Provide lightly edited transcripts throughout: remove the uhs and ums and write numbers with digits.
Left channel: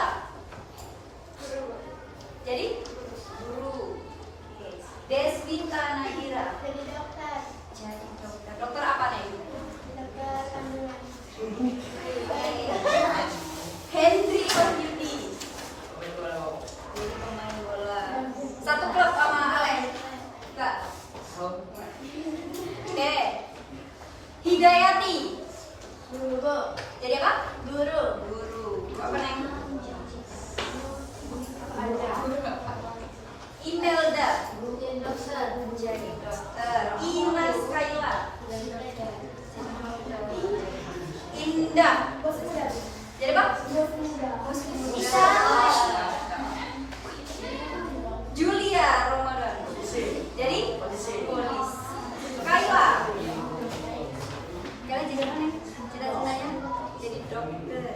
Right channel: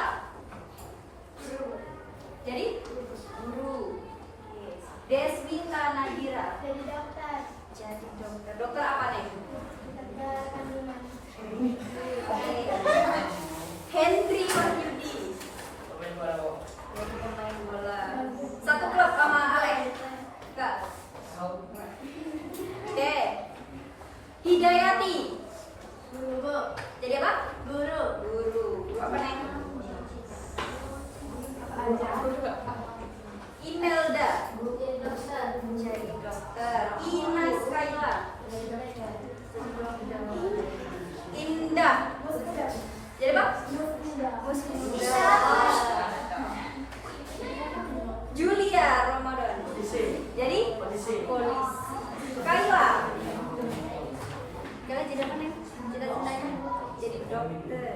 Sita. Jadi guru. Deswita Nahira. Jadi dokter. Jadi dokter. Dokter apa nih? Dokter kandungan. Hendri Wahyudi. Jadi pemain bola. Satu klub sama Alex. Enggak. Oke. Hidayati. Guru. Jadi apa? Guru. Guru. Guru apa nih? Imelda. Jadi dokter. Jadi dokter. Ines Kaila. Indah. Jadi apa? Muslimah. Julia Ramadan. Jadi polis. Kaila. Kalian jadi apa nih? Cita-citanya jadi dokter.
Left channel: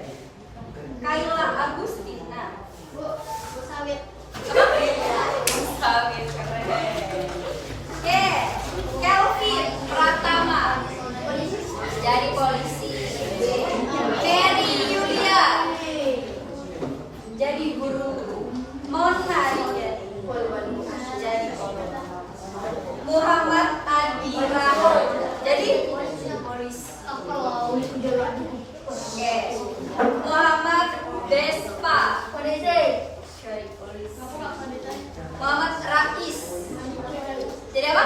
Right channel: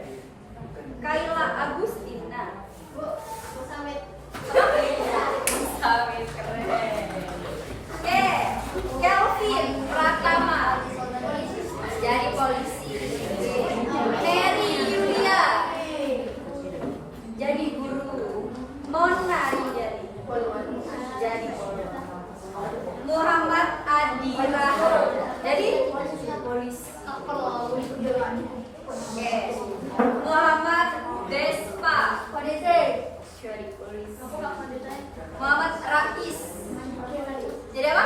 Kaila Agustina. Bu Samit. Samit, keren. Oke, Kelvin Pratama. Jadi polisi. Mary Yulia. Jadi guru. Mona Rijani. Jadi polisi. Muhammad Adi Rahman. Jadi polisi. Oke. Muhammad Despa. Jadi polisi. Muhammad Rais. Jadi apa?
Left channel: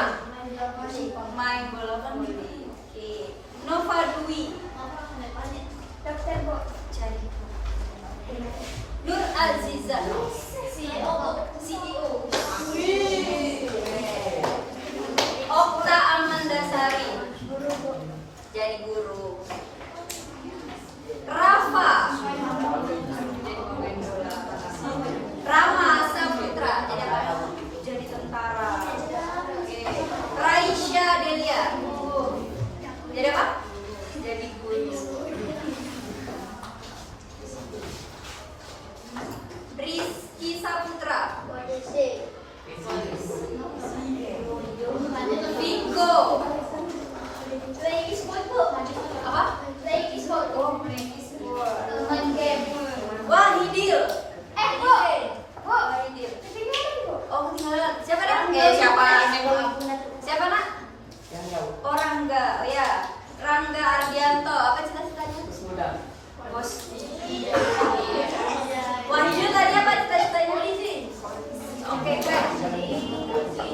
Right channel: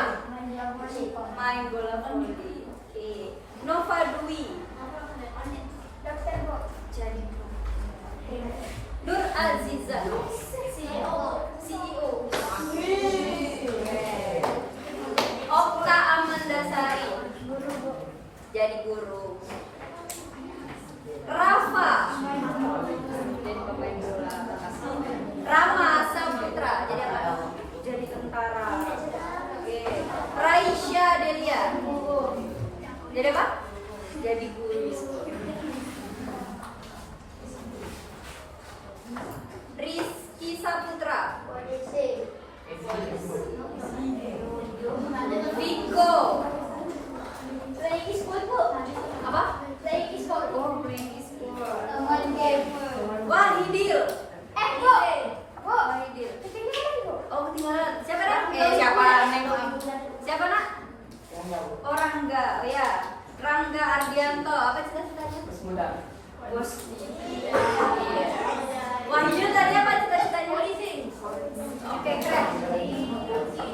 Main bola voli. Oke. Nova Dwi. Jadi Nur Aziza. CEO. Okta Amandasari. Jadi guru. Rafa. Jadi pemain bola. Rama Saputra. Jadi apa? Jadi tentara. Oke. Raisya Delia. Jadi apa? Jadi guru. Rizky Saputra. Viko. Apa? Oh, playing sport. Wahidil. Wahidil. Oh, ketinggalan. Siapa nak? Siapa? Siapa nak? Oh, Rangga. Oh ya, Rangga Ardianto. Apa cita-citanya? Bos. Wahidil tadi apa cita-citanya? Oke, keren.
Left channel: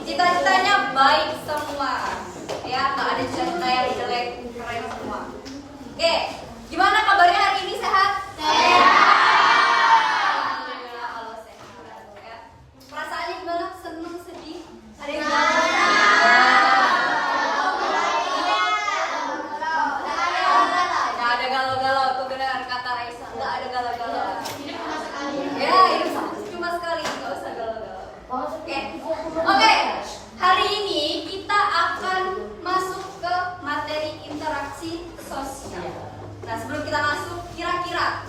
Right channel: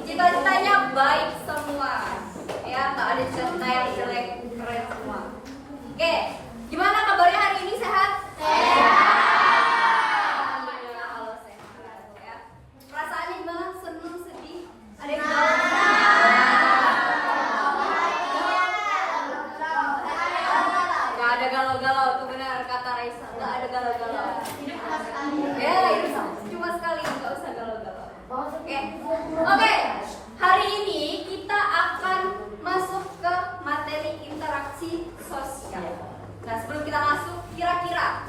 Cita-citanya baik semua. Ya, nggak ada cita-cita yang jelek, keren semua. Oke, gimana kabarnya hari ini, sehat? Alhamdulillah kalau sehat. Ya. Perasaannya gimana? Senang, sedih? Ada yang nggak ada galau-galau, tuh benar kata Raisa. Nggak ada galau-galau. Ya, hidup cuma sekali, nggak usah galau-galau. Oke, hari ini kita akan masuk ke materi interaksi sosial. Nah, sebelum kita masuk, kira-kira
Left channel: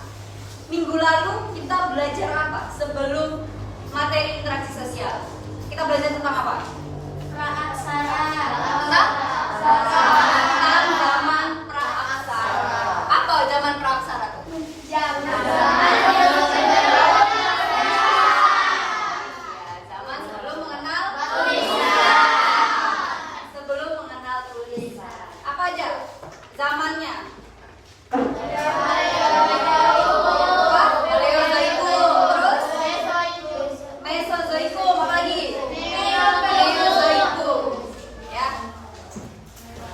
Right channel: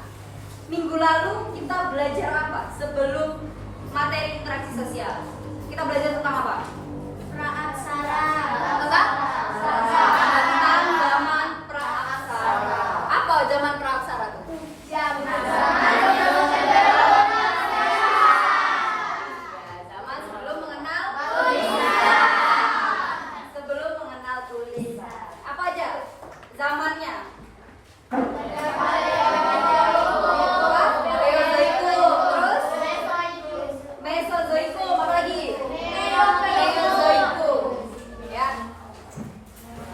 minggu lalu kita belajar apa sebelum materi interaksi sosial? Kita belajar tentang apa? Praaksara. Tentang zaman praaksara. Apa zaman praaksara tuh? Zaman sebelum mengenal tulisan. Sebelum mengenal tulisan. Apa aja zamannya? Paleozoikum, terus Mesozoikum, apa lagi? Neozoikum. Ya.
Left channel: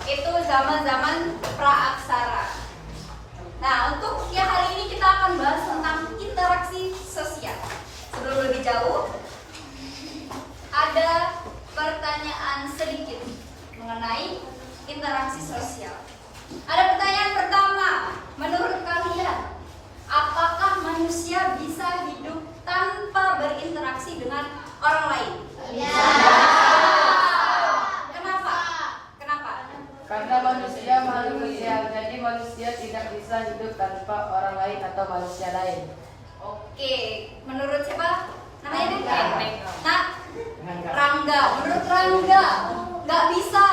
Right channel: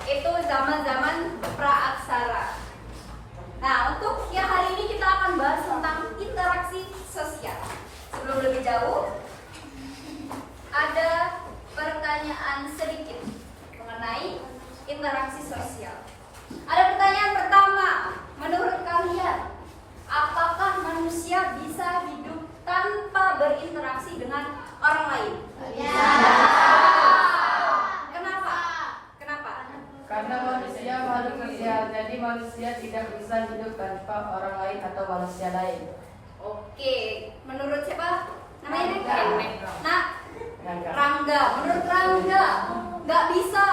Itu zaman-zaman praaksara. Nah, untuk yang hari ini kita akan bahas tentang interaksi sosial. Sebelum lebih jauh, ada pertanyaan sedikit mengenai interaksi sosial. Ada pertanyaan pertama, menurut kalian, apakah manusia bisa hidup tanpa berinteraksi dengan orang lain? Ya. Kenapa? Kenapa? Karena manusia makhluk sosial, jadi manusia tidak bisa hidup tanpa orang lain atau manusia lain. Oke, menurut siapa? Namanya deh? Rangga. Nah, Rangga. Menurut Rangga, nggak bisa.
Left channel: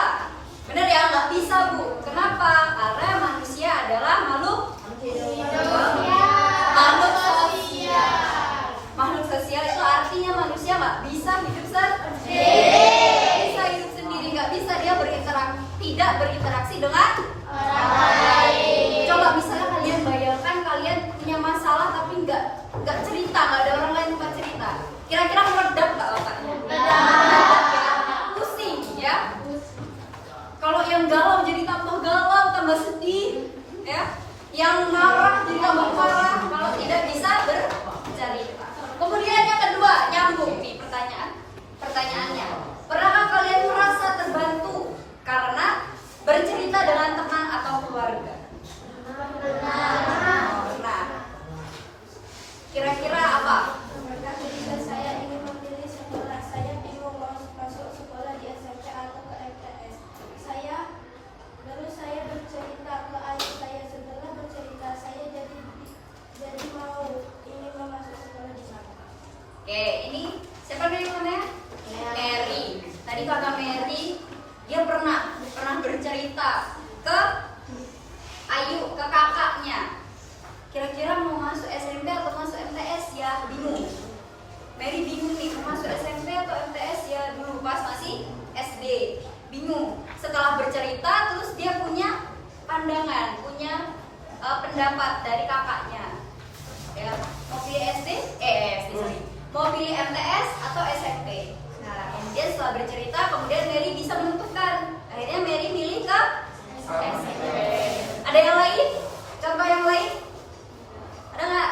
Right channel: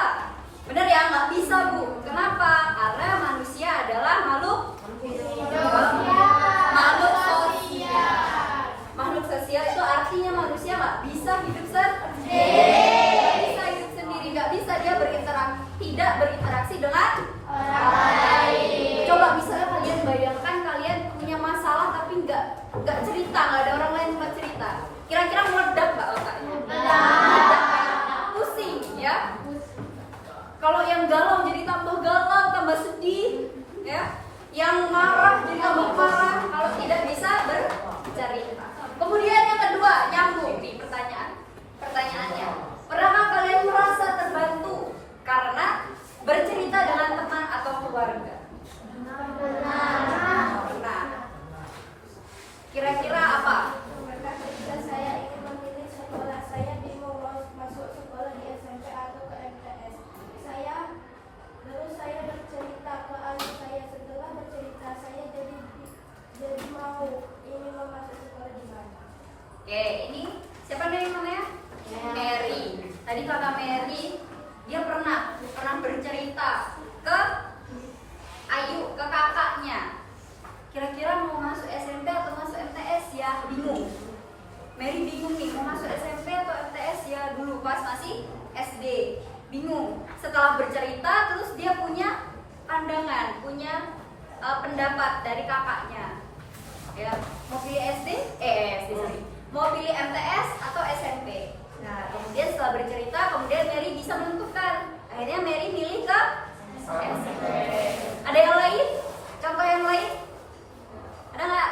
Benar ya, nggak bisa, Bu. Kenapa? Karena manusia adalah makhluk sosial. nggak ada orang lain tempat cerita. Kira-kira meledak nggak otaknya? Pusing ya. Kalau yang galau jadi tambah galau, tambah sedih, ya. Yang marah jadi tambah marah kalau tidak bisa bercerita. Kemudian yang kedua, nyambung nih pertanyaannya. Pernahkah kalian merasa terbantu karena bercerita dengan teman atau keluarga? Pernah. Kira-kira apa? Ketika saya ingin memilih sekolah, saya bingung mau masuk sekolah di SMP atau ke MTS. Lalu saya bercerita ke ayah saya. Setelah bercerita, saya jadi mau ingin masuk sekolah di mana. Oke, ini siapa namanya? Mary. Tadi kakak Mary, dia pernah bercerita ke Ayu, ke kakaknya. Kira-kira mau masuk SMP atau masuk MTS ya? Bingung. Mary bingung nih, mau masuk SMP atau MTS ya? Dulu pas masih SD, bingung. Setelah bercerita, terus dia punya pandangan, punya pendapat dari kakaknya. Ya, mau pilih mau pilih MTS atau SMP. Nah, kemudian setelah bercerita, kemudian Mary bisa menentukan. Akhirnya Mary milih ke SMP. Ada yang lain? Contoh yang lain? Ada nggak?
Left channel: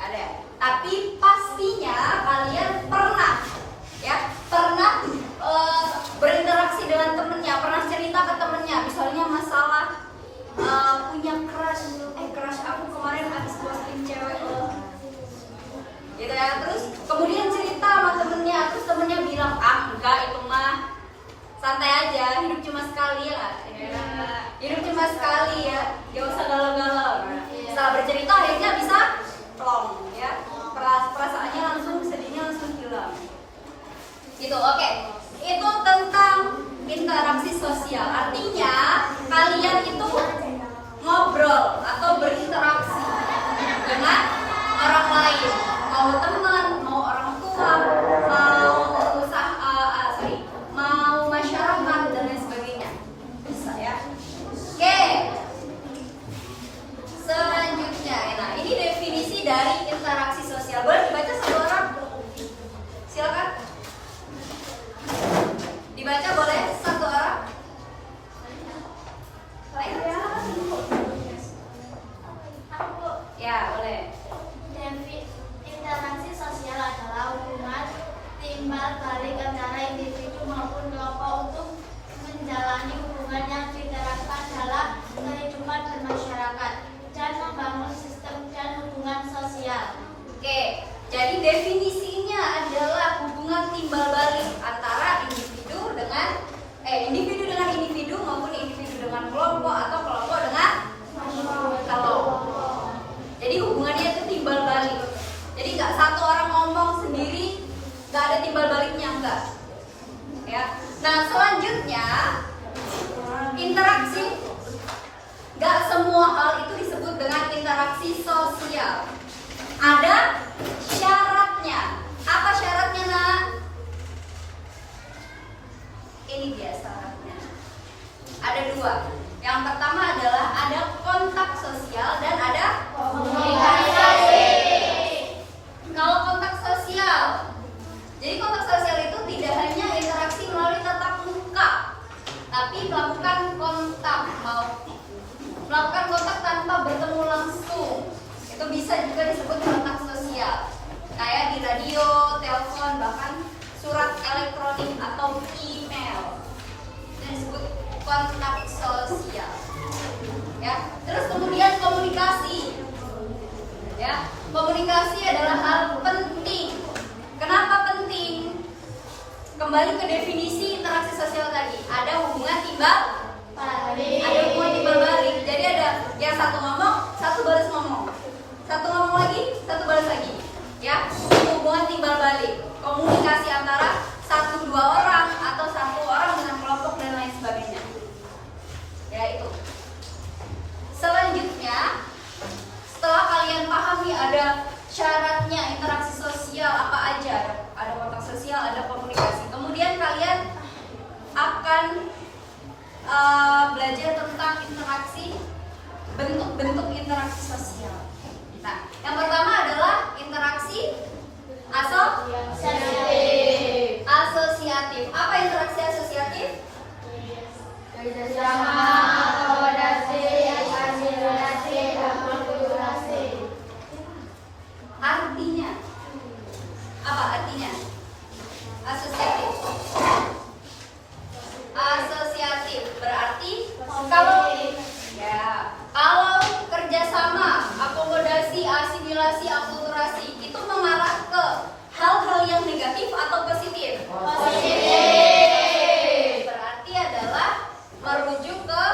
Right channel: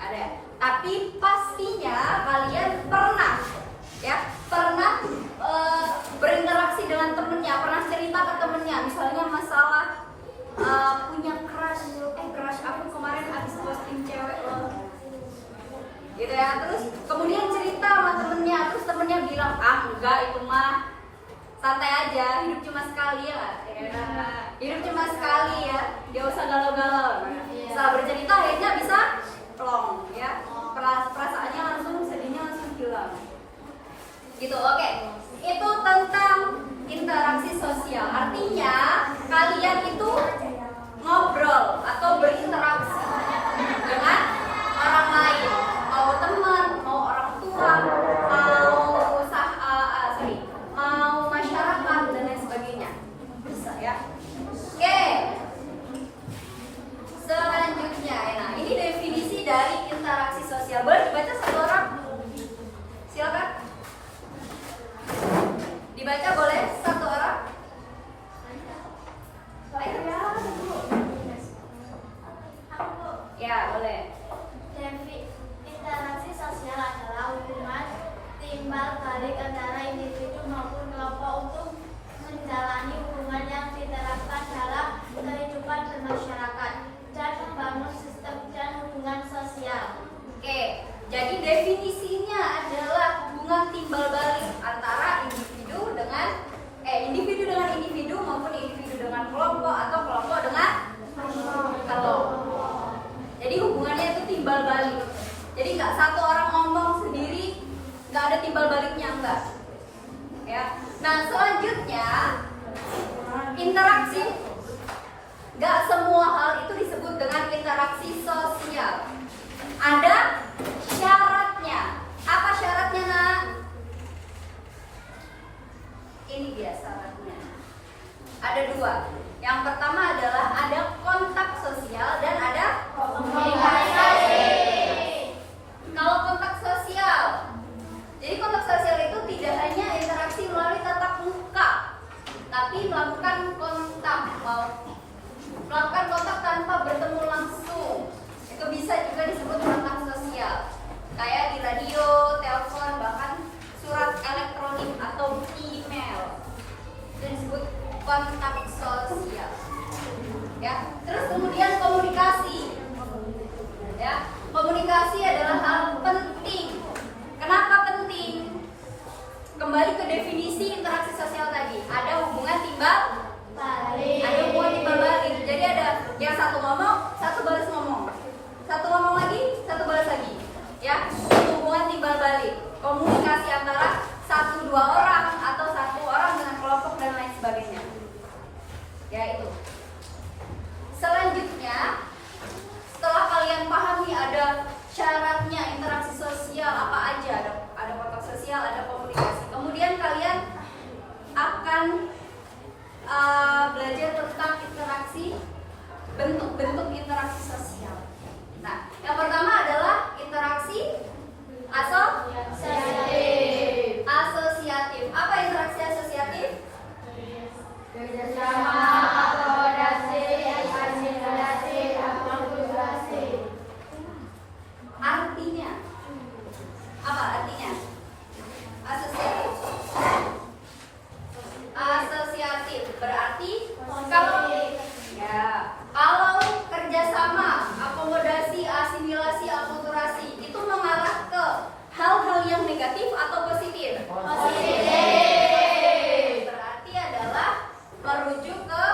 Ada. Tapi pastinya kalian pernah berinteraksi dengan temennya, pernah cerita ke temennya, misalnya masalah punya crush aku kemarin habis posting cewek loh, gitu ya. Terus kemudian cerita sama temennya, terus temennya bilang enggak, itu mah santai aja, hidup cuma sekali ya. Hidup cuma sekali ya, gak usah galau-galau. Setelah bercerita akhirnya bisa plong ya, perasaannya langsung, sedihnya langsung hilang. Gitu, oke. Itu tentang interaksi sosial. Artinya kalian itu ngobrol atau berinteraksi dengan orang lain, mau teman, mau orang tua, mau masyarakat dan lain sebagainya. Bisa ya. Oke. Selanjutnya, nah ini definisi dari interaksi sosial. Boleh dibaca satu orang? Silakan. Dibaca boleh satu orang? Ya, boleh. Interaksi sosial adalah hubungan timbal balik antara individu maupun kelompok untuk menjalani hubungan yang diterapkan dalam kehidupan bermasyarakat dan membangun sistem dan hubungan sosial. Oke, jadi definisinya adalah hubungan timbal balik antara individu dengan individu maupun individu dengan kelompok atau kelompok dengan kelompok. Jadi hubungannya itu timbal balik. Jadi nggak satu orang ngomong sendiri, nggak ada timbal baliknya, enggak. Ya. Nah selanjutnya interaksi. Nggak semua hal itu disebut dengan interaksi sosial. Ada syaratnya. Apa syaratnya, Nak? Ini dia syaratnya. Ada dua. Yang pertama adalah ada kontak sosial dan ada komunikasi. Kalau kontak sosial, jadi kontak sosial itu tidak hanya interaksi melalui tatap muka, tapi melakukan kontak tanpa bertemu langsung. Itu bisa juga disebut kontak sosial. Kayak di radio, telepon, bahkan surat elektronik atau email. Itu disebut kontak sosial. Ya. Terus kemudian komunikasi. Ya. Komunikasi adalah hal penting. Kenapa penting? Kembali ke definisi interaksi sosial tadi. Ada hubungan timbal balik. Ada hubungan timbal balik. Jadi ada yang satu ngomong, satu balas ngomong. Satu ngomong lagi, satu balas lagi. Ya, hubungan timbal balik. Komunikasi antara satu dua orang atau satu orang dengan kelompok dan lain sebagainya. Ya itu. Selanjutnya, setelah kalian pahami ada syaratnya interaksi sosial apa aja, ada kontak sosial, ada komunikasi. Kemudian kalian akan belajar tentang interaksi, bentuk-bentuk interaksi sosial. Nah, Yang pertama adalah interaksi asosiatif. Apa interaksi asosiatif? Kerjasama, akomodasi, asimilasi, akulturasi. Artinya apa artinya? Asosiatif. Asosiatif berarti kalau kerjasama, akomodasi, asimilasi, akulturasi itu mengarah ke hal-hal yang negatif atau positif? Positif. Berarti adalah merujuk ke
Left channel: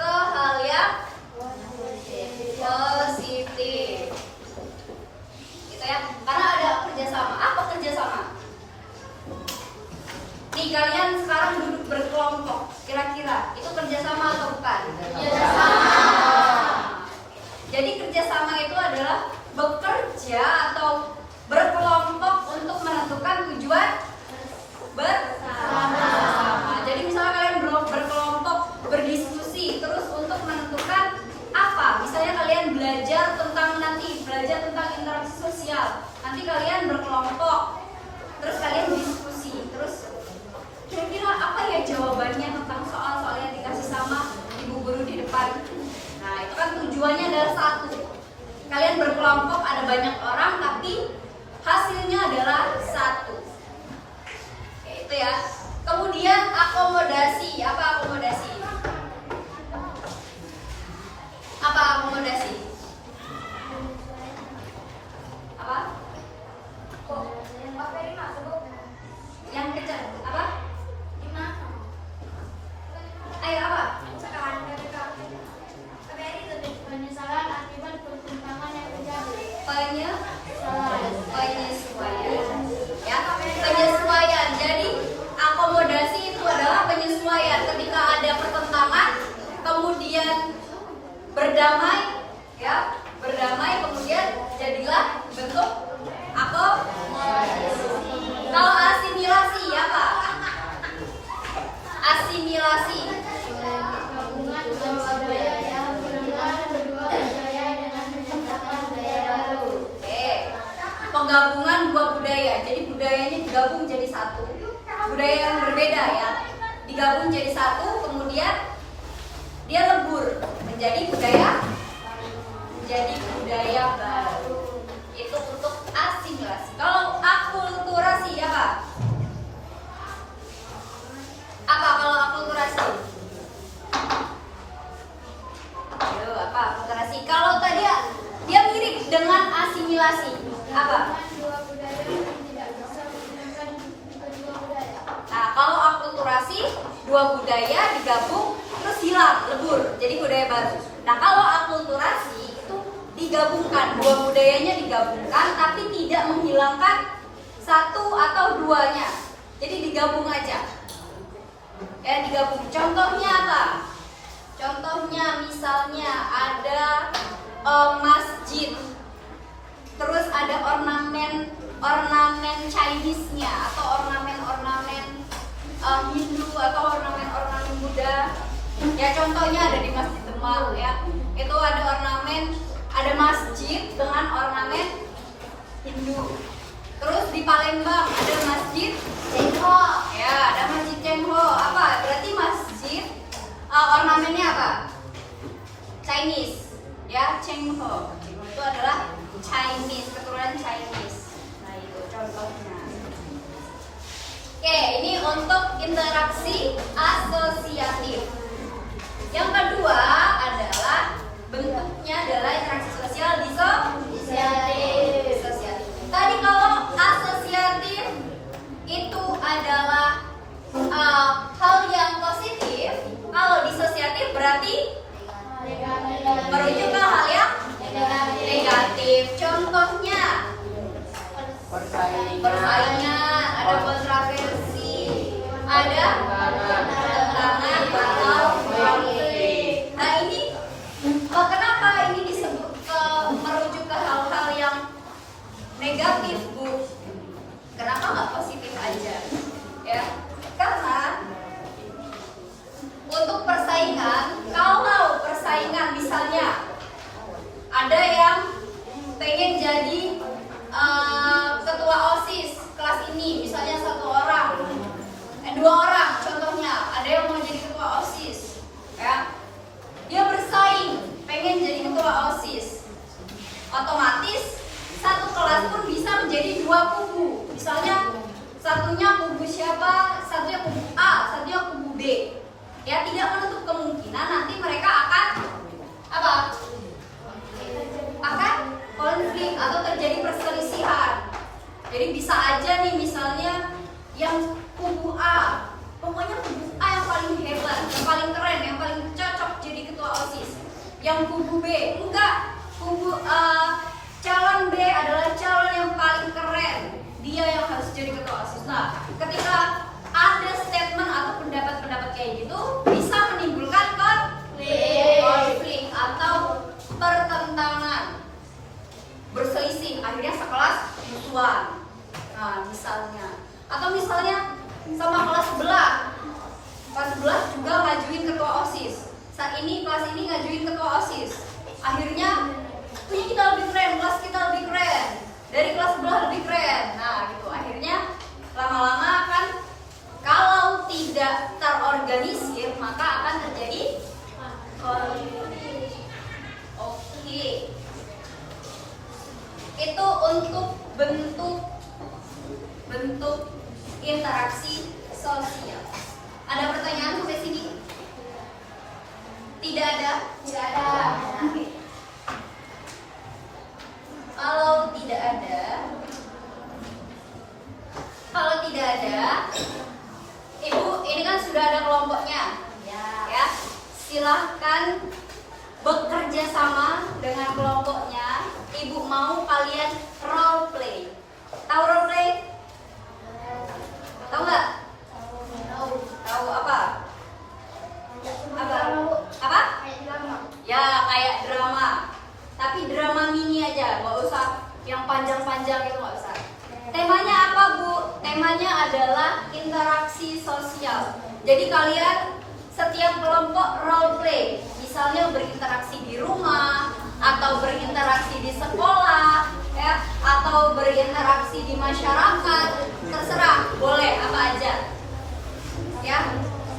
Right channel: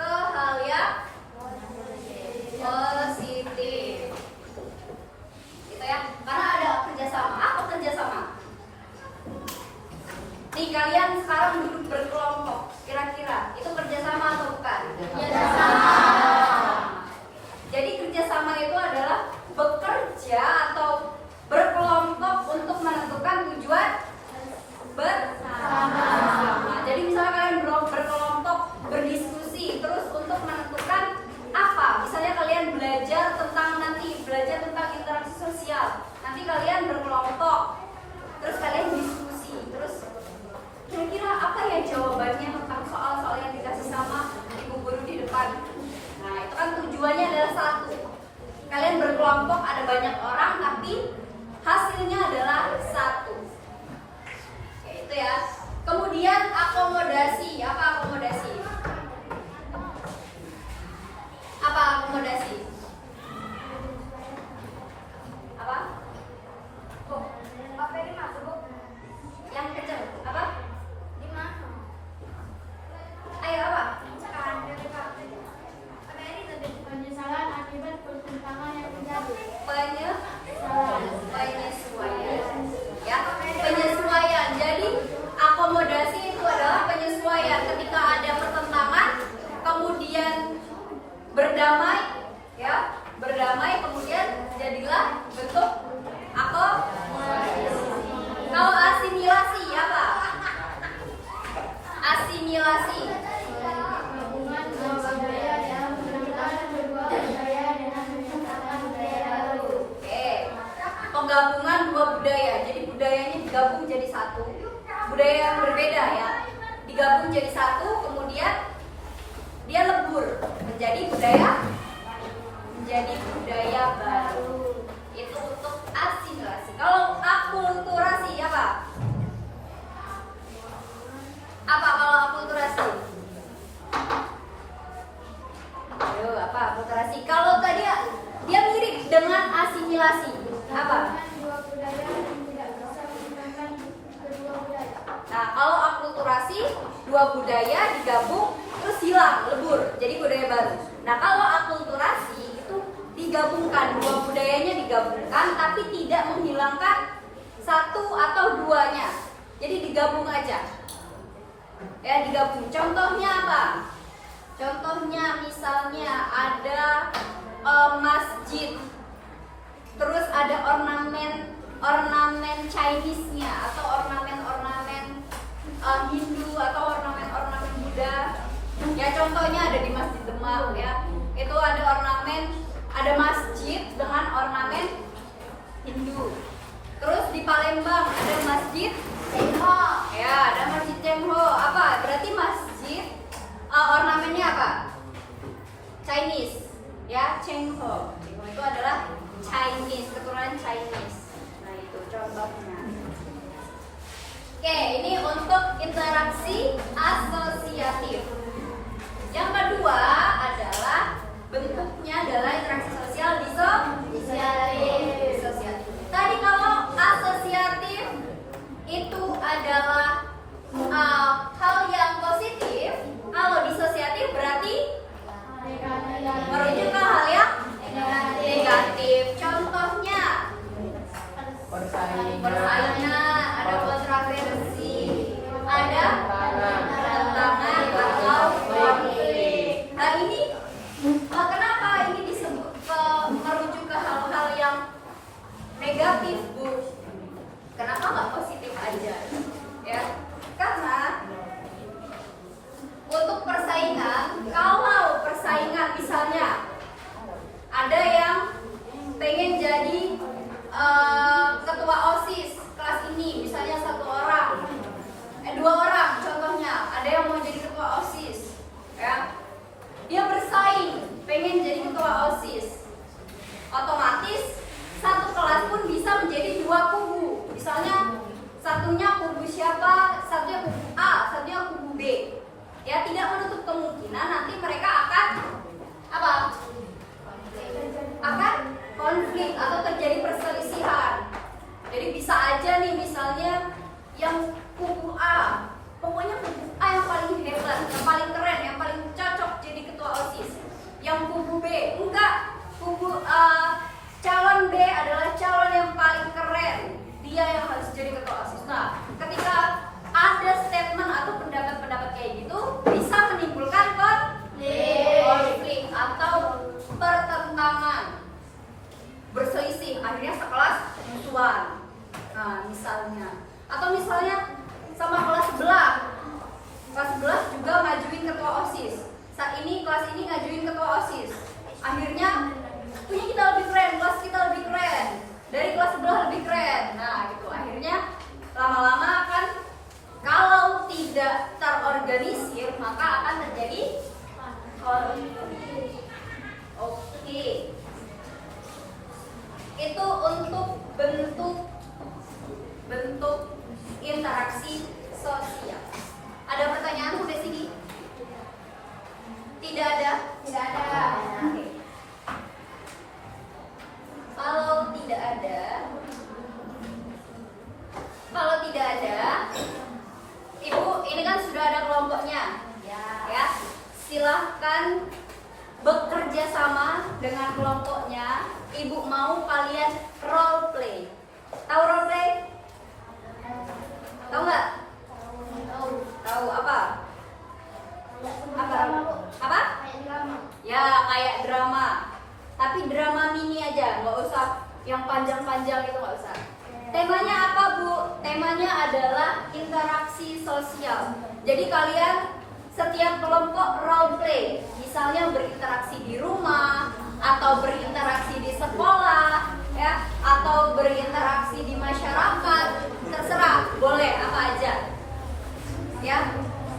hal yang positif. Gitu ya. Karena ada kerjasama. Apa kerjasama? Nih kalian sekarang duduk berkelompok. Kira-kira itu kerjasama atau bukan? Kerjasama. Jadi kerjasama itu adalah bekerja atau berkelompok untuk menentukan tujuan bersama. Jadi misalnya kalian berkelompok berdiskusi terus untuk menentukan apa? Misalnya kalian belajar tentang interaksi sosial. Nanti kalian berkelompok terus kalian diskusi terus kira-kira apa ya jawabannya tentang soal-soal yang dikasih sama ibu guru di depan. Nah itu kan tujuannya adalah satu. Kalian berkelompok ada banyak orang tapi hasilnya adalah satu. Oke, itu ya. Kemudian akomodasi. Apa akomodasi? Apa akomodasi? Apa? Yang kecil. Apa? Ayo apa? Penyesalan akibat pertimbangan yang terjadi. Penyesuaian. Ya, penyesuaian. Jadi akomodasi itu adalah penyesuaian ketika ada pertentangan, kemudian berdamai, ya, kemudian jadilah bentuk akomodasi. Kalau asimilasi apa? Asimilasi. Gabungan dua budaya yang berbeda, dua budaya dengan menciptakan budaya baru. Penggabungan dua budaya. Jadi budayanya digabung jadi satu. Budaya yang berbeda ya, digabung jadi satu, kemudian dia lebur menjadi budaya baru. Itu untuk asimilasi. Kalau akulturasi apa? Apa kalau akulturasi? Ayo, apa akulturasi? Kalau tadi dia mirip dengan asimilasi. Apa? Dua budaya yang tidak bisa menghilangkan kedua budaya. Nah, kalau akulturasi dua budaya digabung terus hilang, lebur, jadi budaya baru. Nah, kalau akulturasi itu digabungkan, dua budayanya digabungkan tapi tidak menghilangkan satu atau duanya. Jadi digabung aja. Ya, digabung. Contohnya apa? Contohnya misalnya ada masjid. Terus ada ornamen Chinese-nya atau ornamen Hindu atau ornamen Buddha. Ya contohnya ada di Masjid Demak ya. Itu ada ada masjid dengan ornamen Hindu. Terus di Palembang ada masjid Cengho. Ya, ada masjid Cengho. Apa? Berarti masjid ornamennya apa? Chinese. Ya, Cengho. Itu adalah Chinese, keturunan Chinese. Nah, itu contohnya. Oke, ini untuk interaksi asosiatif. Yang kedua adalah bentuknya adalah interaksi sosial disosiatif. Tadi kalau asosiatif itu adalah hal yang positif, kalau disosiatif berarti merujuk ke hal yang negatif. Contohnya persaingan, ada kontroversi, ada pertentangan atau konflik. Nah ini kenapa ini disebut merujuk ke hal-hal yang negatif, Bu? Kenapa nggak positif aja? Ya, karena untuk persaingan, kalau persaingan misalnya ada yang pengen jadi ketua OSIS kelas ini, misalnya 1 orang, 2 orang contohnya, ada yang mau jadi ketua OSIS, ya. Dia bersaing, pengen jadi ketua OSIS. Otomatis satu kelas pun bisa menjadi 2 kubu. Misalnya satunya kubu siapa, satunya kubu A, satunya kubu B. Ya, tidak menutup kemungkinan nanti mereka akan apa? Akan konflik atau terjadi perselisihan. Jadi bisa aja nih misalnya yang kubu A, pokoknya kubu A yang paling hebat, yang paling keren, yang paling cocok jadi ketua OSIS. Yang kubu B enggak, kubu calon B adalah calon yang paling keren, dia yang harus jadi ketua OSIS. Nah, ketika ada statement atau pendapat-pendapat kayak gitu bisa menimbulkan konflik atau pertentangan, berselisih, akhirnya sekelas musuhan. Nah, misalnya, atau misalnya sama kelas sebelah juga ngajuin ketua OSIS. Saat ini kelas ini ngajuin ketua OSIS, akhirnya punya kita lebih keren, kelas kita lebih keren, dari kelas sebelah lebih keren. Nah, gitu, akhirnya lama-lama akan, kalau tidak terorganisir maka akan terjadi konflik. Oke, itu untuk bentuk interaksi sosial. Ada pertanyaan sampai sini? Tidak ada? Tidak ada. Oke. Kalau tidak ada, Ibu, ini kan sudah ada kelompoknya, ya. Silahkan bekerja sama dengan kelompoknya. Ibu mau kalian role play. Tahu role play? Tahu nggak? Tahu apa? Apa? Ya, kayak drama. Tapi drama mini aja, nggak usah yang panjang-panjang itu, nggak usah. Temanya apa, Bu? Temanya adalah interaksi sosial. Jadi kalian setiap kelompok role play, misalnya berinteraksi di rumah, atau berinteraksi di sekolah, ya, atau berinteraksi di masyarakat, terserah, boleh apa aja. Ya,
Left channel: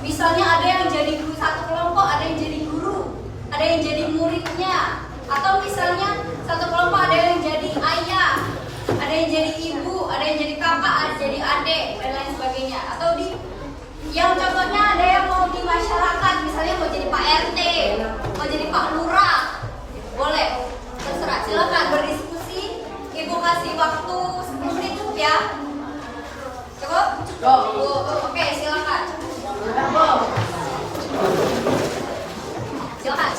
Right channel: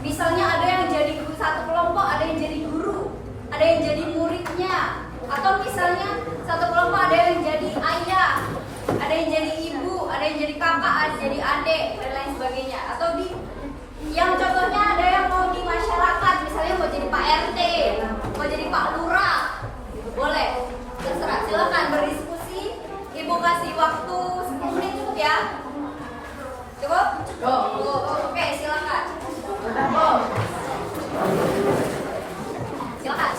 misalnya ada yang jadi guru satu kelompok, ada yang jadi guru, ada yang jadi muridnya, atau misalnya satu kelompok ada yang jadi ayah, ada yang jadi ibu, ada yang jadi kakak, ada yang jadi adik, dan lain sebagainya. Atau di yang contohnya ada yang mau di masyarakat, misalnya mau jadi Pak RT, mau jadi Pak Lurah, boleh, terserah, silakan berdiskusi. Ibu kasih waktu 10 menit ya. Cukup? Oke, silakan. Silakan.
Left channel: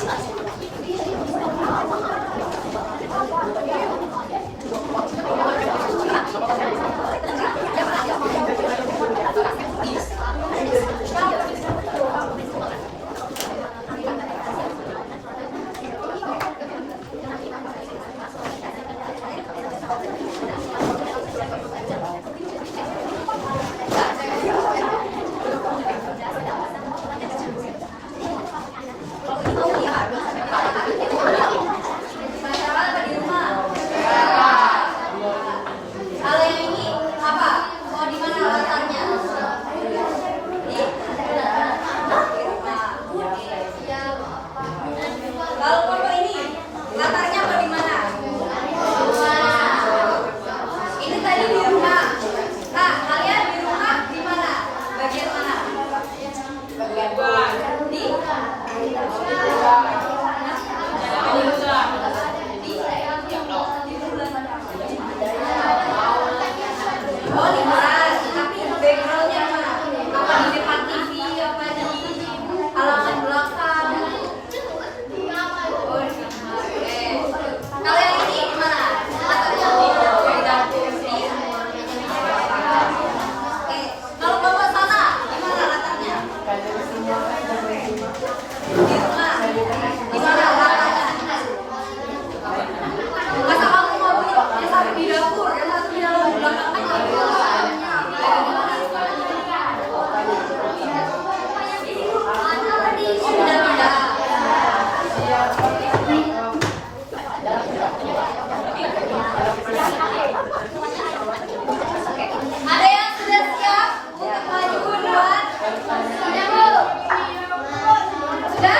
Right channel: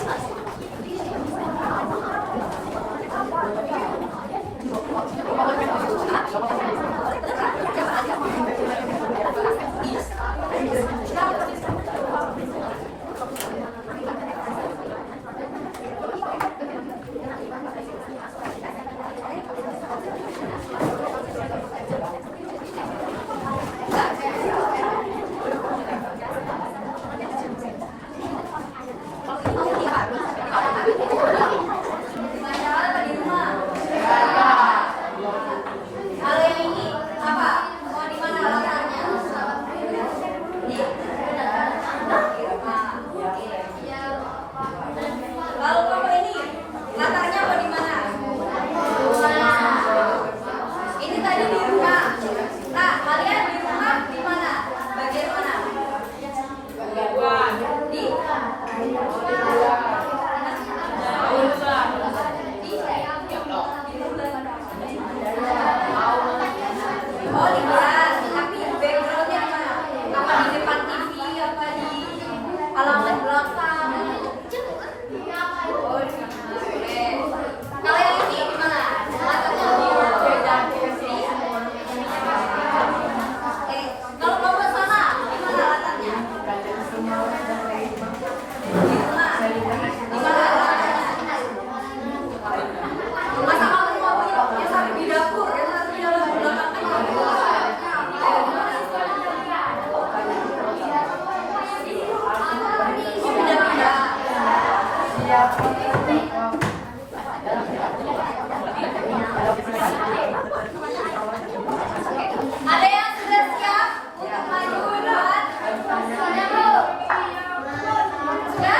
Ada yang sudah siap untuk maju duluan? Sudah, Bu? Sudah?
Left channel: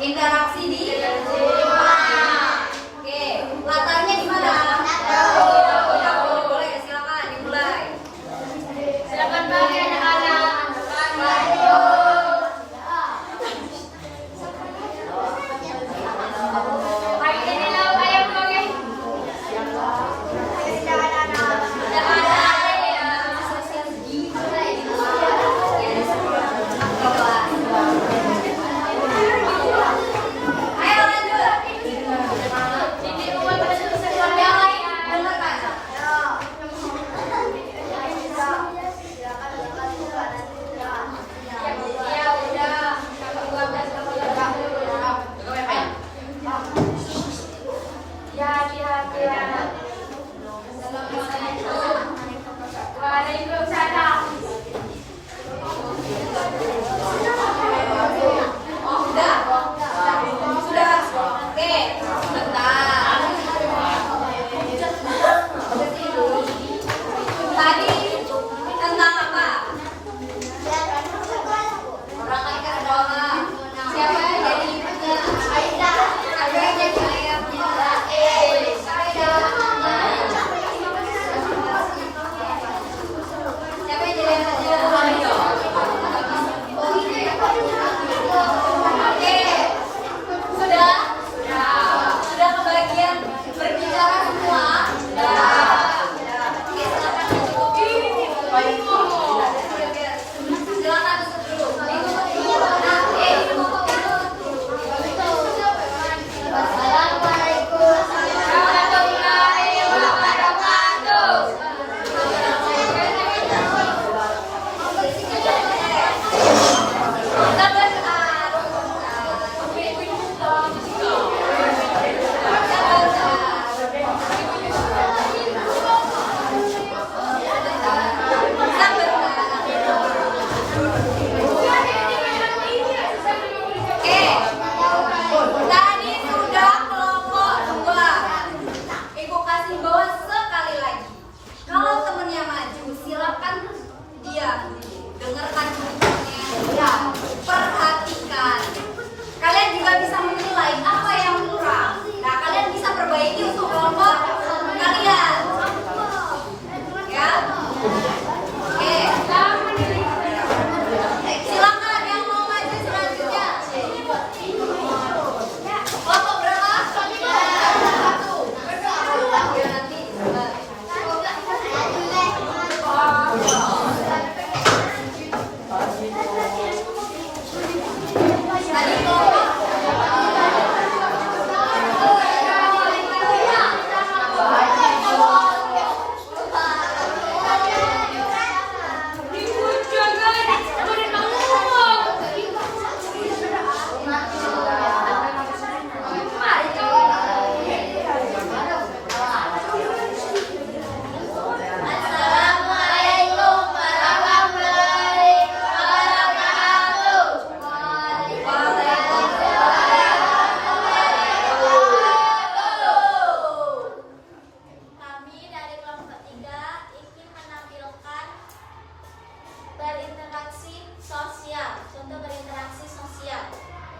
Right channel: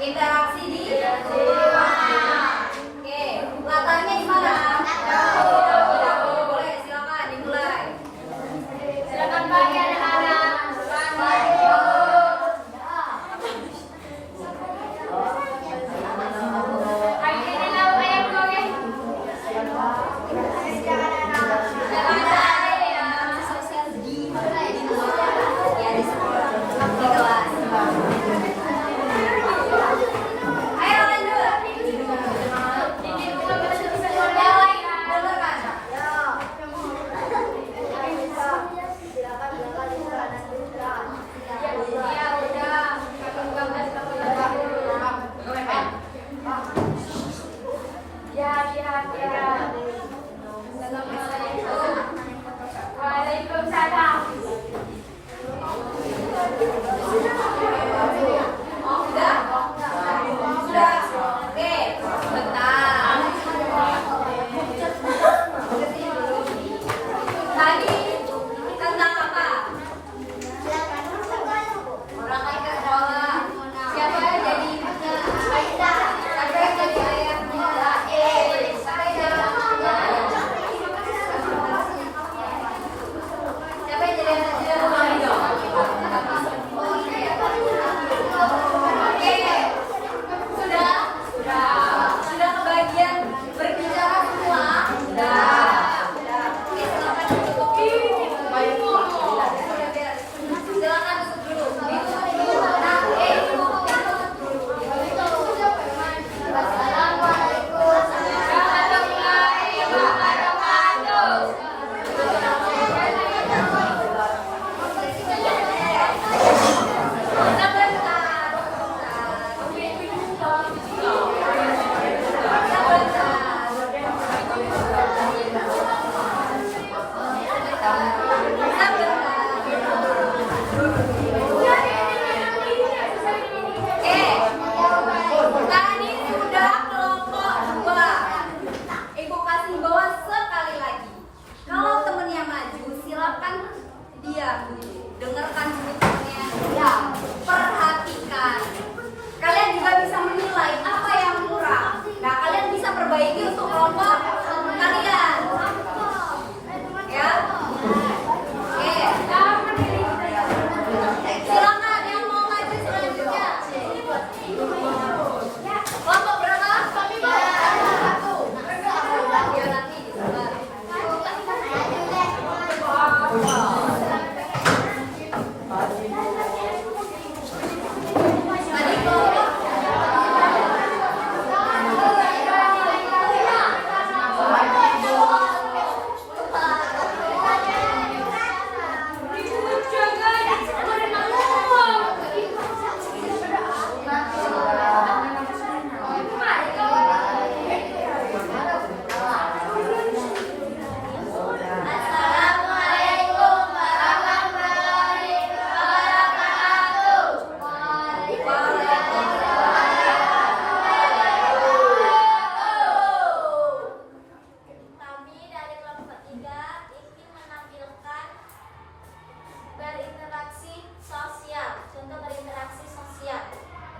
Interaksi di Oke, matanya di mana? Boleh, silakan dimulai. Silakan bagi anak-anak.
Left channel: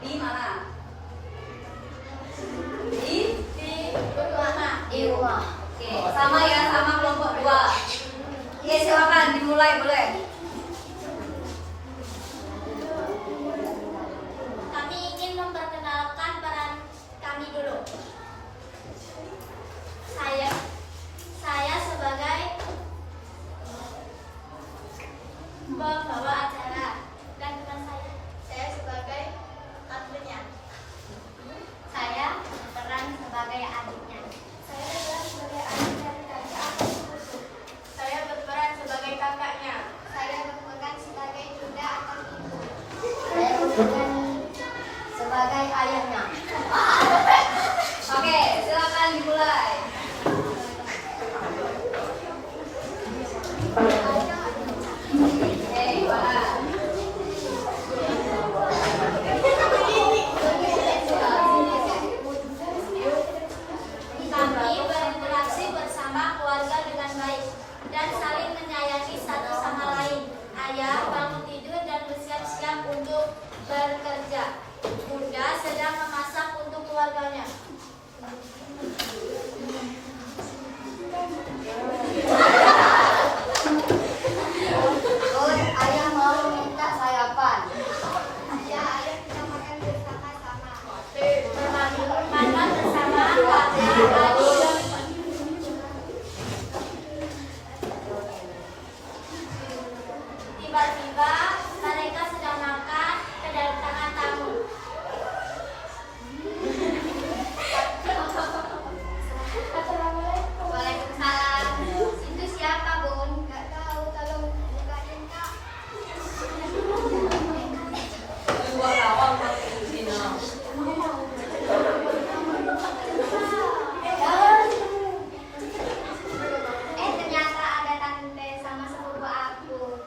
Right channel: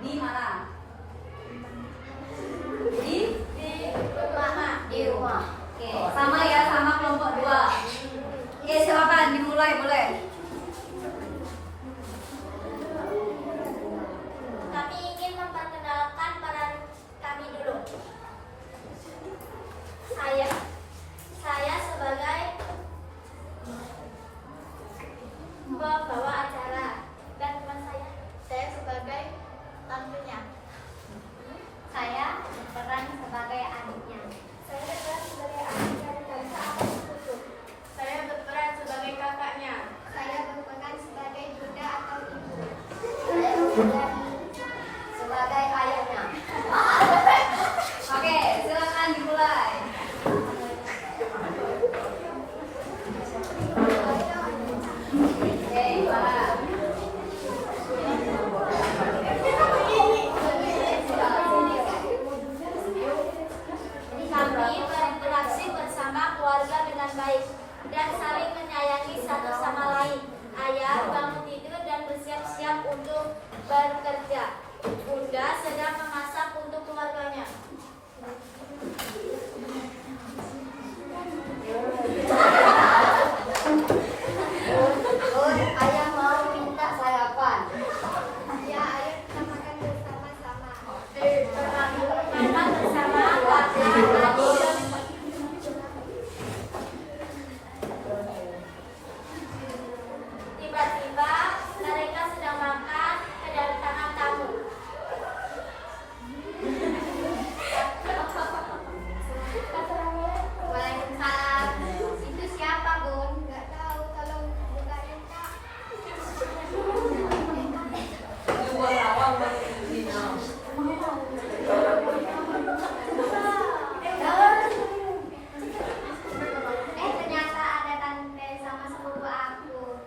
Di mana? Di rumah. Oke, sama ya, sama kelompok 2. Oke, silakan dimulai boleh. Kami ingin memperkenalkan peran kami dulu. Saya sebagai pembawa acara dan teman saya sebagai tantunya. Saya berperan sebagai adiknya. Saya berperan sebagai adiknya dan aku. Saya berperan sebagai kakaknya. Saya berperan sebagai bunda atau ibu. Saya berperan sebagai ayahnya. Oke, silakan dimulai. Oke, mana? Kami berinteraksi bersama keluarga dengan baik dan saling menyayangi satu sama lain. Ayah bangun tidur dan bersiap-siap untuk bekerja. Bunda sedang memasak untuk keluarganya. Ayah mau minta sarapan. Ayah kita makan bersama-sama. Makan bersama keluarga adik. Tiba-tiba mereka sedang makan, kedatangan tamu. Waalaikumsalam. Itu siapa, Bun? Gak tahu, tolong bukain Kak. Dua lawang Cina. Ternyata ada tante sama sepupu aku.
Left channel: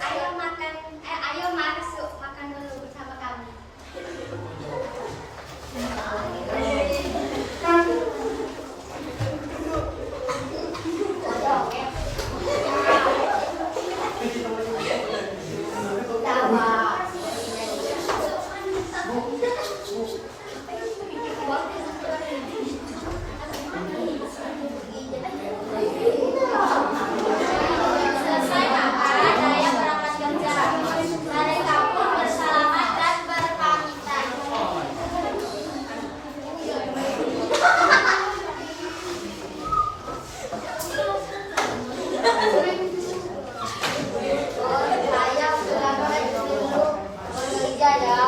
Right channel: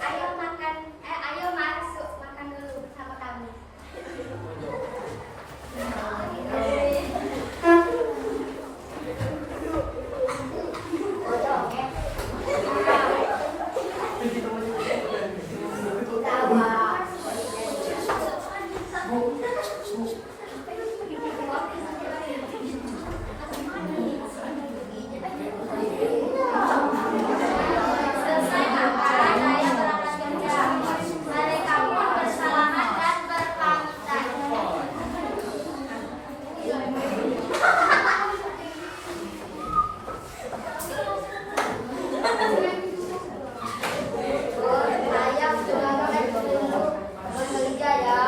Ayo masuk makan dulu bersama kami. Selesai makan, ayah berangkat kerja. Mereka pun bersalaman dan berpamitan. Ayah sudah mulai bekerja ya.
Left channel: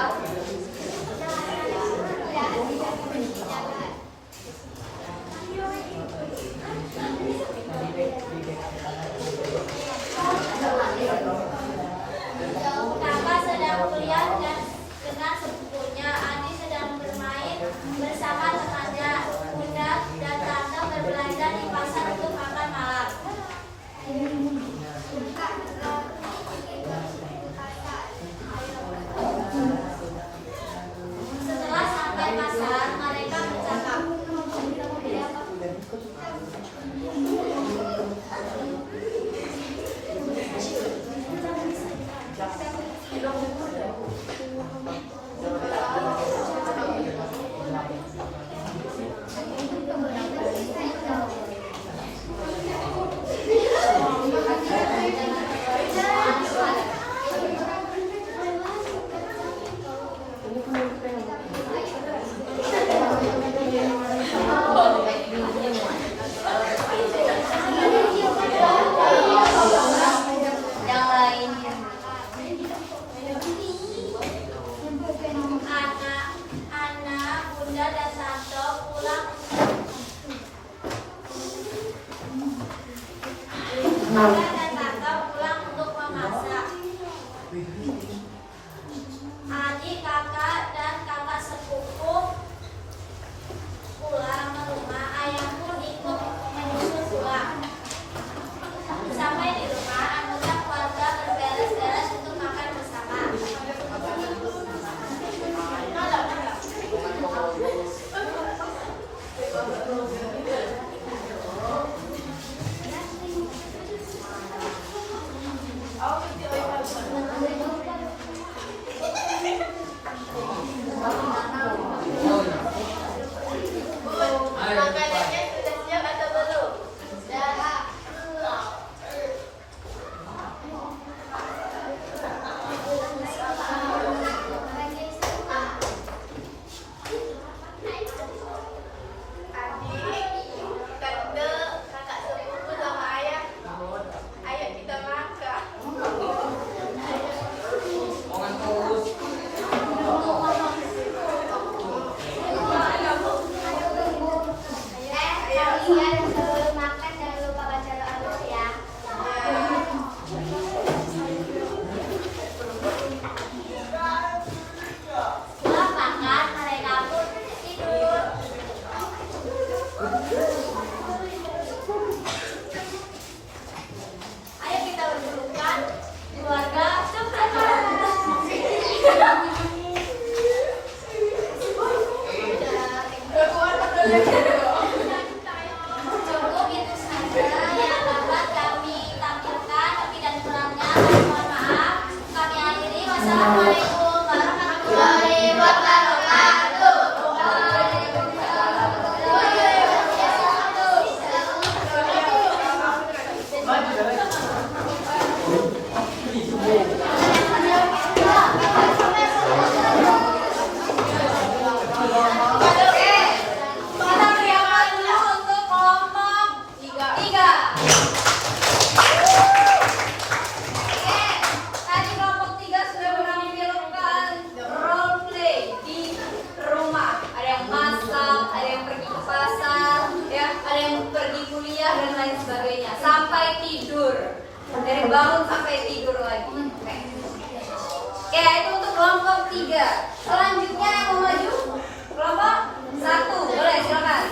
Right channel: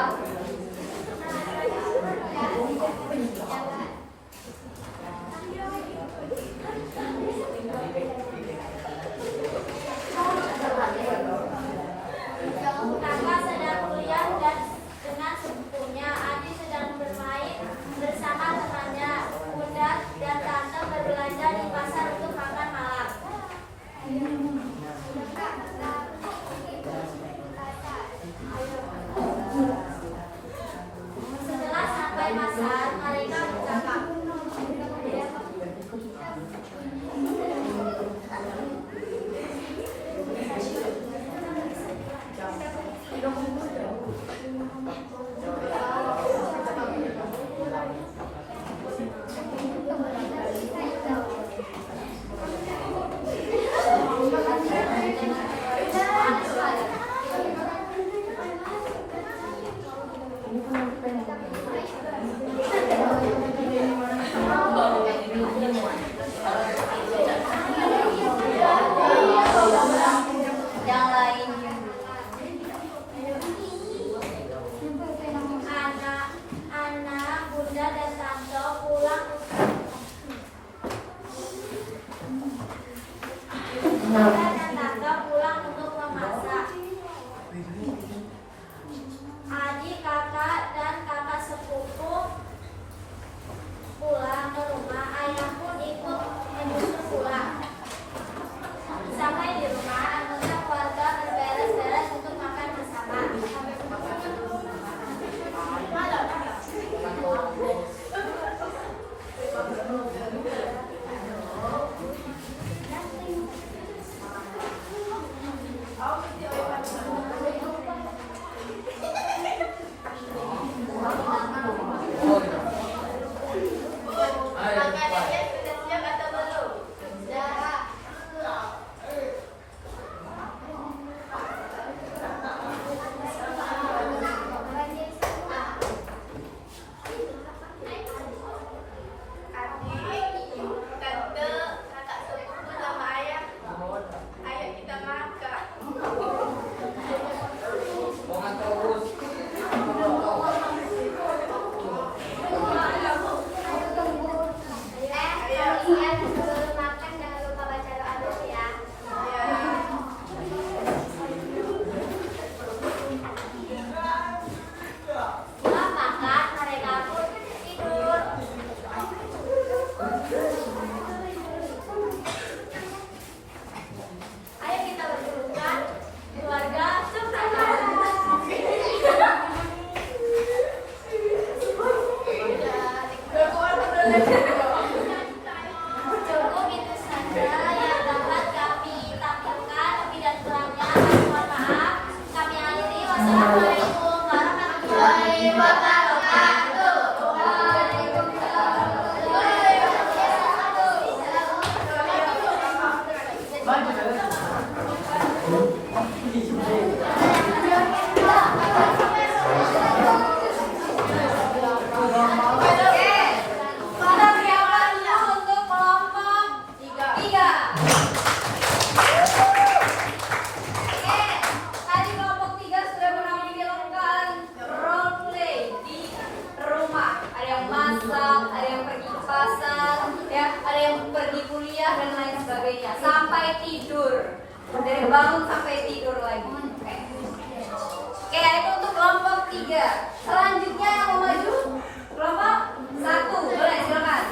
dari bangun sampai tidur lagi. Oke. Oke, itu untuk kelompok 3. Selanjutnya yang mau maju kelompok 1. Boleh silakan.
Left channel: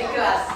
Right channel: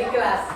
di kelas.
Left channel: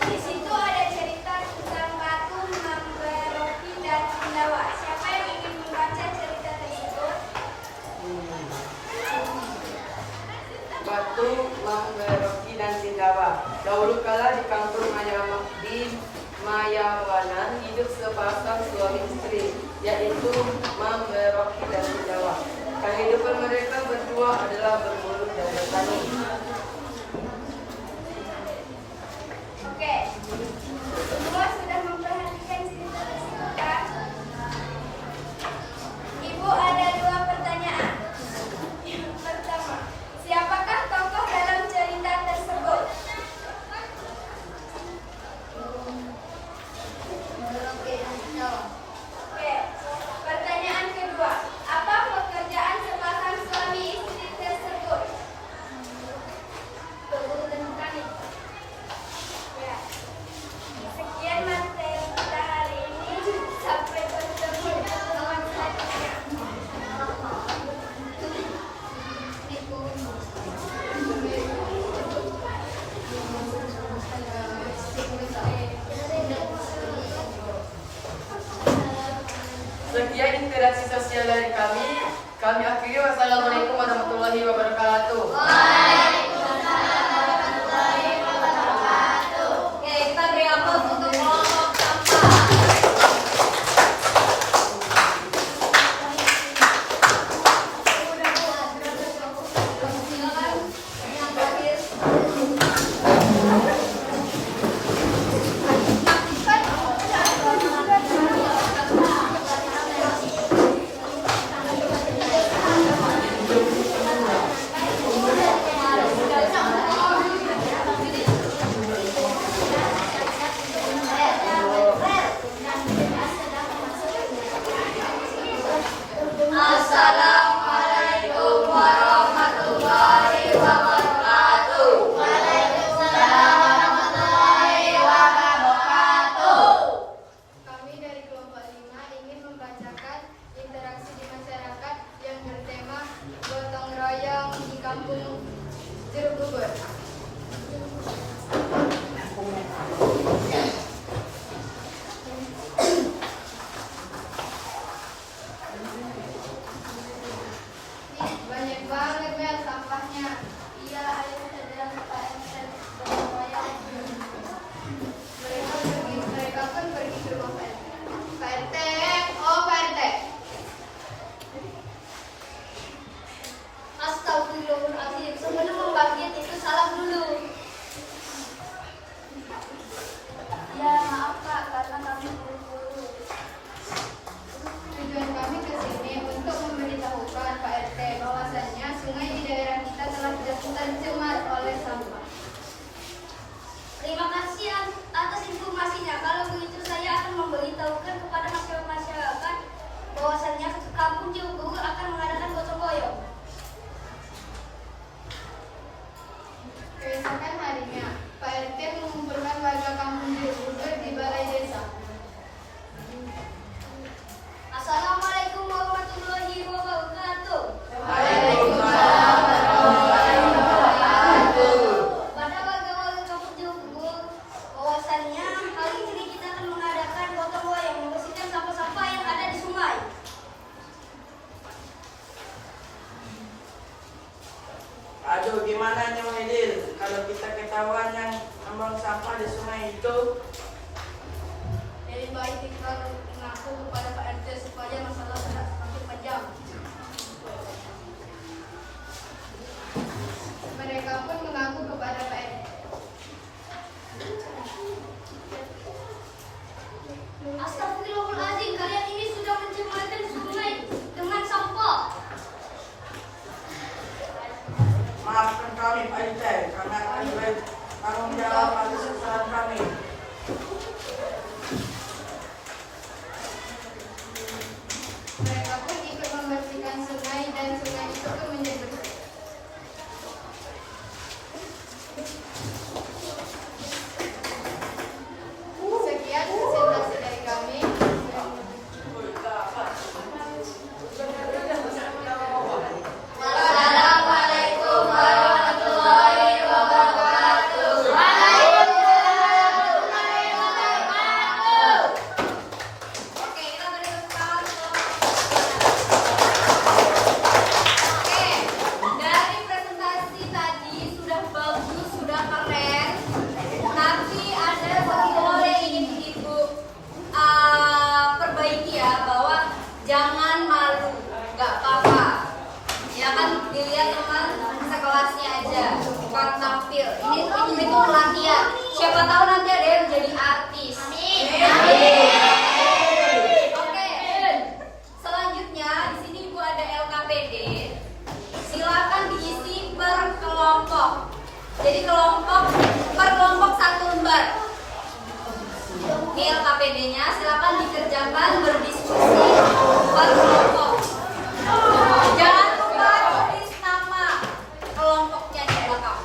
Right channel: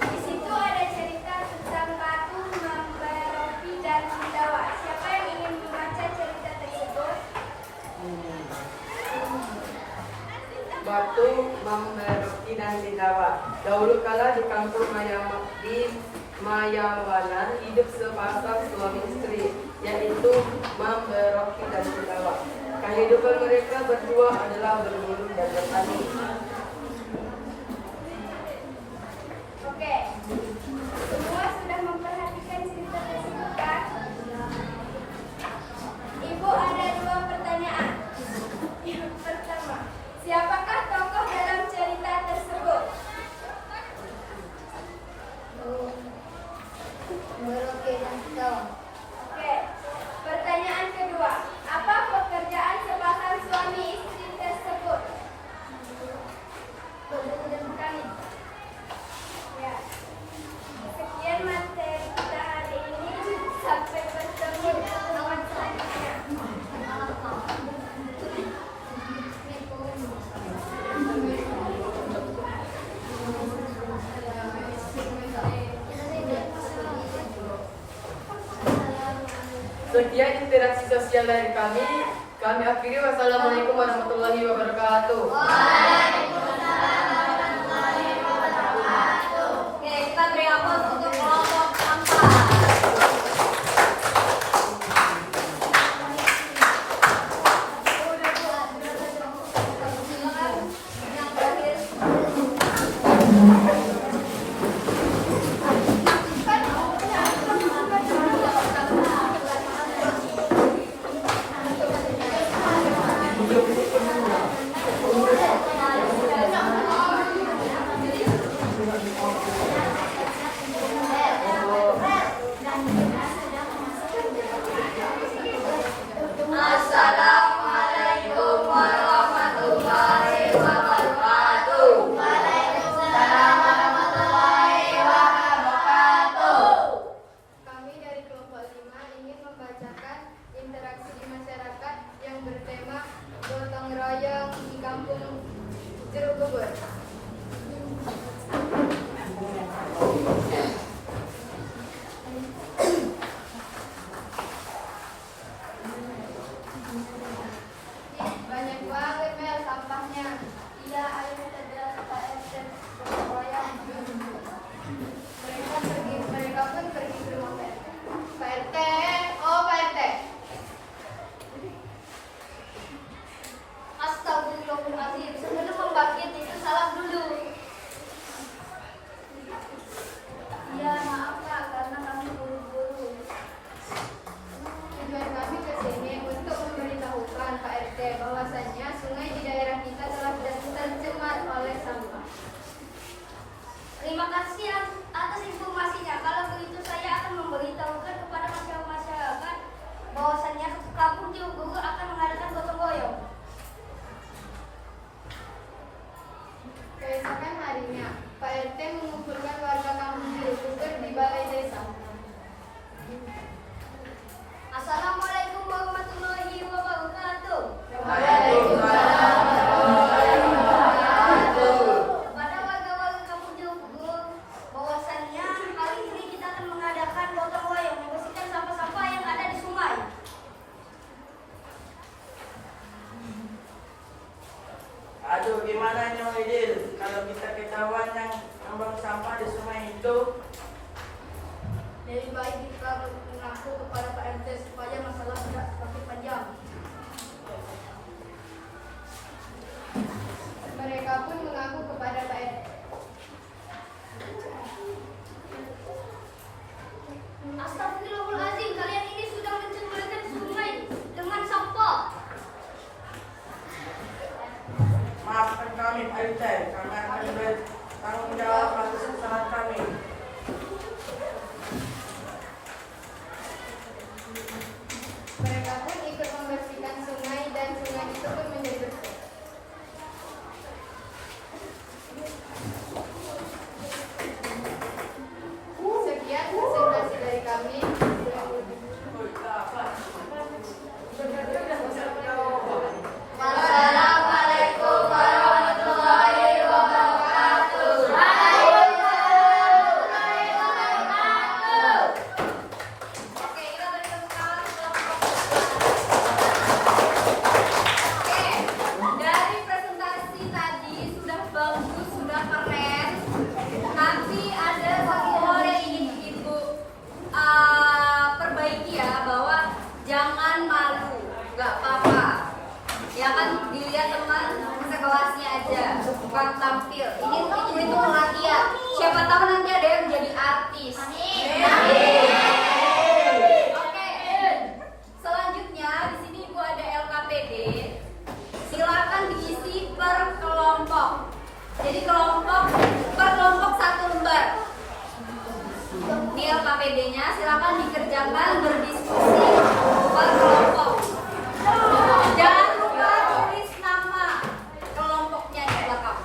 Di situ ada cerita tentang Batu, Mamba, Rocky, dan Cindawa. Siapa yang ingin membaca cerita tersebut? Batu, Mamba, Rocky, dan Cindawa. Dahulu kala di kampung Mayawana hidup sepasang suami istri, yaitu Mamba, Rocky, dan Cindawa. Kehidupan mereka berdua adalah berburu dan bertani. Oke, semua sudah memperhatikan cerita tersebut kan? Ibu ada 2 pertanyaan. Yang pertama, siapakah tokoh dalam cerita tersebut? Oke, pertanyaan kedua, apa pekerjaan sepasang suami istri tersebut? Ya. Sekian materi kita hari ini. Sampai bertemu di pertemuan selanjutnya. Sekian interaksi sosial dari kami. Kami akhiri. Wassalamualaikum warahmatullahi wabarakatuh. Oke, kita beri aplaus untuk kelompok 4. Yang terakhir. Assalamualaikum warahmatullahi wabarakatuh. Kami dari kelompok 5 ingin membacakan interaksi di masyarakat yang bertema gotong royong di kampung Jeruk Bubur. Banyak banget Mel sampahnya. Iya, ayo kita dan Pak RT gotong royong. Mereka pun pergi ke rumah Pak RT. Oh Pak RT. Astagfirullahaladzim, sebelum membangkit itu salam bagaimana ini Wahidin? Kalau kita ketahuan yang membuang sampah di sungai itu, Lebih baik kita mengaku kepada Pak RT supaya masalah tidak semakin panjang. Mereka pun mengaku kepada Pak RT. Astagfirullahaladzim, kalian ini sudah mencemarkan sungai dengan sampah. maafkan kami Pak RT, karena akan baik tanggung jawab atas kesalahan kami. Mereka pun ikut membersihkan sungai dan sungai itu pun menjadi bersih. Sekian presentasi dari kami. Wassalamualaikum warahmatullahi wabarakatuh. Oke, kita berikan sekarang. Oke, dari presentasi tadi sudah bagus, sudah keren. Tapi ada satu hal yang ingin Ibu perbaiki ya, bahwa jangan malu, nggak apa-apa. Ya kan, dilihat teman sekelasnya aja, bukan tampil. Itu latihan. Siapa tahu nanti ada yang jadi artis. Oke. Selanjutnya di sini Ibu ada LKPD. Silakan diisi per kelompok. Jadi per kelompok 1 lembar. Ini LKPD-nya, silakan dikerjakan berdiskusi per kelompok. Jangan lupa tulis nama kelompoknya di belakang.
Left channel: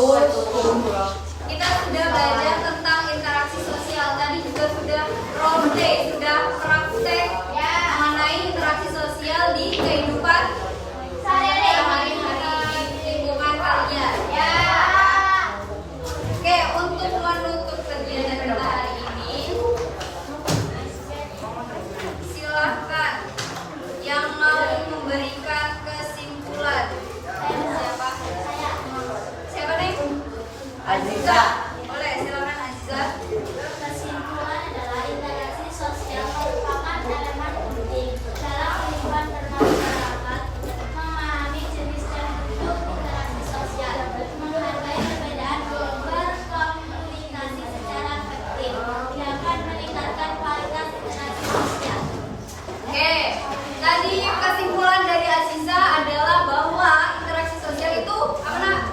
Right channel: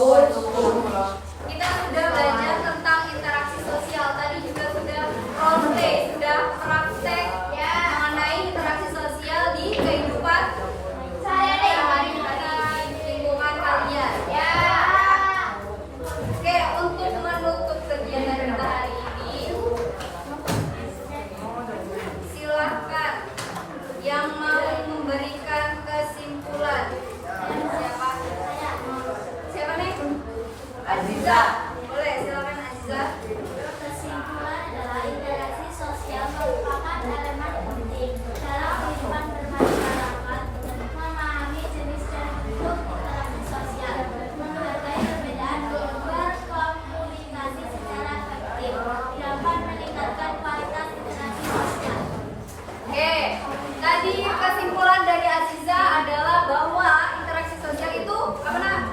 Kita sudah belajar tentang interaksi sosial. Tadi juga sudah role play, sudah praktek mengenai interaksi sosial di kehidupan sehari-hari lingkungan kalian. Oke, untuk menutup kegiatan kita hari ini, silakan yang mau memberikan kesimpulan. Siapa nih? Aziza. Boleh, silakan Aziza. Kesimpulan adalah interaksi sosial merupakan elemen penting dalam kehidupan bermasyarakat, memahami jenis dan bentuk interaksi sosial, menghargai perbedaan, berkomunikasi secara efektif, dapat meningkatkan kualitas interaksi sosial. Oke, tadi kesimpulan dari Aziza adalah bahwa interaksi sosial itu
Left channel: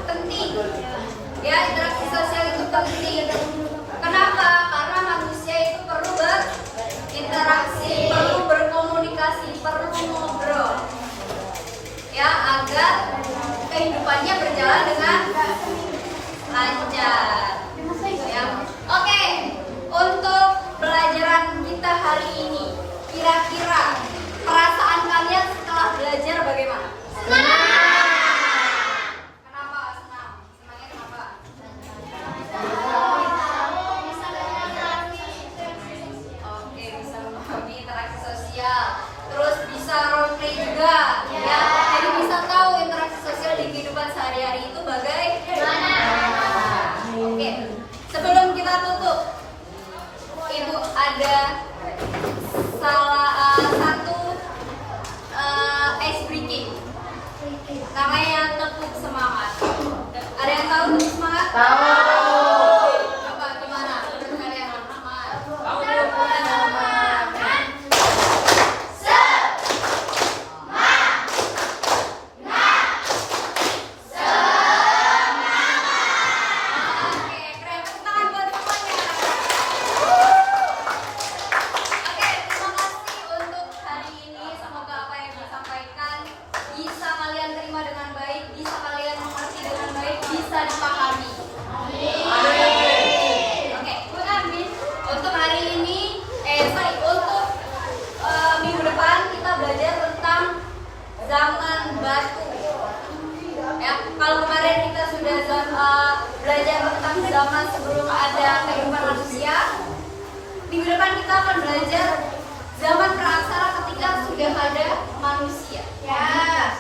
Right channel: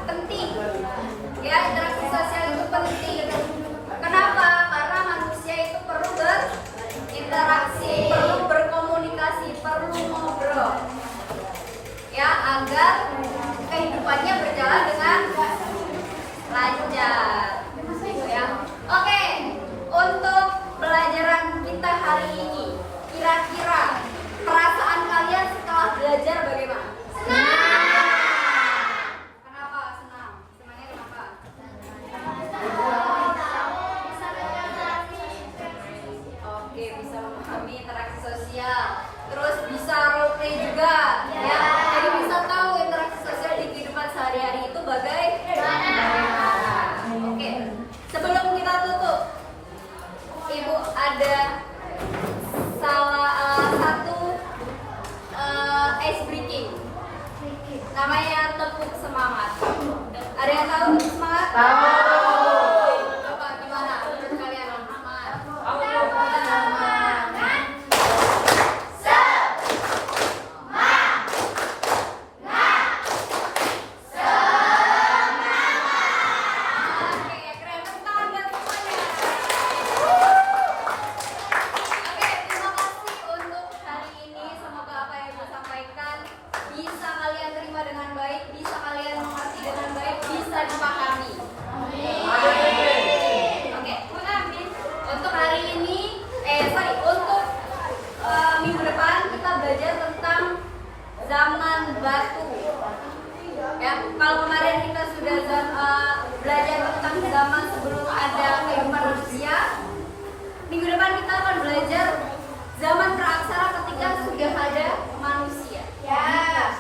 penting. Ya, interaksi sosial itu penting. Kenapa? Karena manusia itu perlu berinteraksi, perlu berkomunikasi, perlu ngobrol. Ya, agar kehidupannya berjalan dengan lancar. Ya. Oke, untuk pelajaran kita hari ini, kira-kira perasaan kalian setelah belajar bagaimana? Kenapa senang? Senangnya kenapa? Oke, bisa memahami interaksi sosial. Terus bisa role play juga. Ya, jadi bisa tahu interaksi sosial di kehidupan sehari-hari itu bagaimana. Oke, sebelum kita tutup, Ibu ada satu ice breaking. Namanya tepuk semangat. Ada yang tahu tepuk semangat? Tahu. Coba gimana menurut kalian? Semangat. Oke, keren. Tepuk tangan buat semuanya. Oke, terima kasih untuk hari ini. Semoga apa yang Ibu sampaikan bisa kalian terima dengan baik, bisa kalian mengerti dengan baik, bisa dipahami. Oke, untuk hari ini, untuk minggu depan kita belajar tentang zaman batu. Ya, kalau kemarin kita sudah belajar tentang zaman sebelum ada kehidupan manusia, minggu depan kita akan belajar zaman praaksara ketika sudah ada manusia. Ya.